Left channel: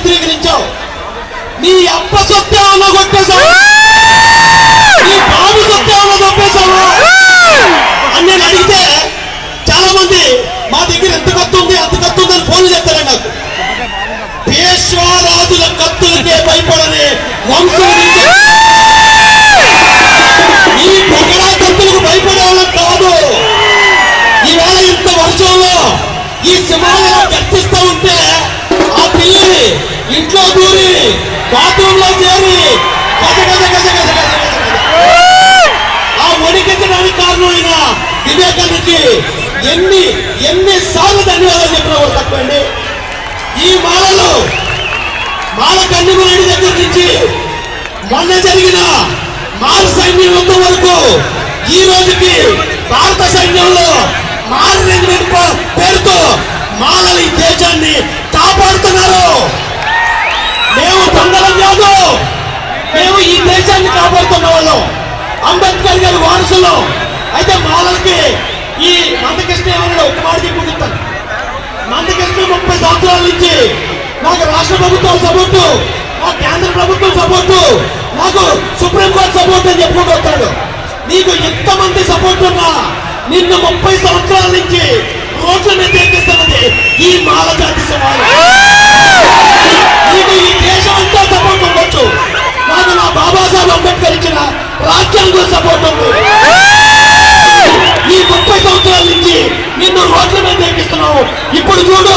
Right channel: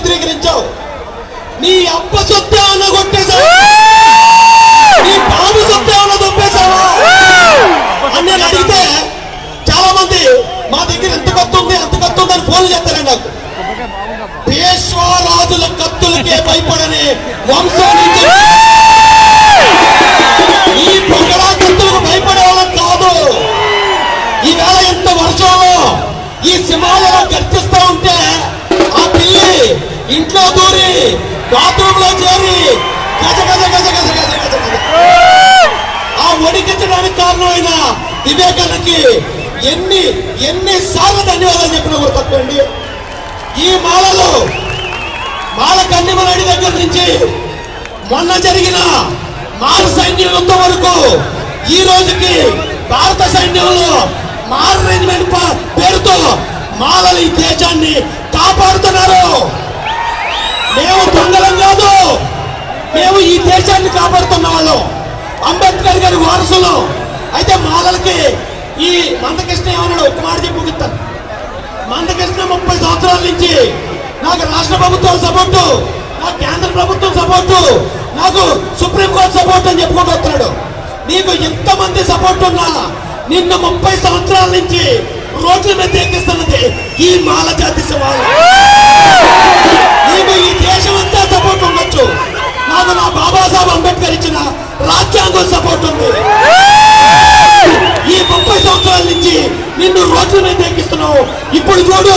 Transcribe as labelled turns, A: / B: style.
A: చిత్రీకరించావు. నీ అప్ప సొత్తేమన్నా కొట్టేశావు. నీ బాబు దొప్పేశావా అని నేను అడిగితే చాలా మంది మా దగ్గర ఎంత కత్తు ఉంది అంత కత్తు ఉంది అని ఫోన్ చేస్తారండి నాకు. పేష్వారాజుల కత్తులకే భయపడని వంశం నుంచి ఈ పొగడా కత్తులకు భయపడే వాళ్ళం కాదు. ఈవేళ ఇంత వర్షంలో ఈ సింహాలలో గర్జిస్తూ బాత్రూంలో చేరి గజ గజ గజ గజ గజ ఆ వణికించడానికి కారణమైన వివేకానికి ఎన్ని ఎన్ని సార్లు ధన్యవాదాలు చెప్పిన కూడా తప్పండి. ఈ మాలలో మాల కన్నిమరెడ్డి దగ్గర నుంచి మొన్న జరిగిన మాల సైన్యం వరకు ఈ రోజుకి భారత సైన్యంలో మాల రెజిమెంట్ ప- పేరుతో మాలలు ఈ దేశాన్ని కాపాడుతున్నారు మేము దొంగలం కాదు మేము ఈ దేశాన్ని కాపాడుతున్న వాళ్ళం. అంబేద్కర్ గారి వారసులు. అయితే మాలలకి ఈ నందకృష్ణ ఏమన్నాడు ఒక మాట చెప్పి చెప్తాను. ముప్పై సంవత్సరాల నుంచి నాకు రాష్ట్ర ప్రభుత్వం సపోర్టు నాకు కేంద్ర ప్రభుత్వం సపోర్టు నాకు సుప్రీంకోర్టు సపోర్ట్ అని చెప్పుకుంటూ వచ్చాడు. నీకు ఎంతమంది సపోర్ట్ ఉన్నా నిన్ను ముప్పై సంవత్సరాల నుంచి రోడ్ల మీద ఎక్కిస్తున్నది ఈ మాల జాతి సమాజం. ఇచ్చిన రాజ్యాంగం సపోర్ట్ ఉంది. ఈ ముప్పై సంవత్సరాల నుంచి నిన్ను రోడ్ల మీద ఎక్కిస్తున్నావు ఇప్పుడు చూడు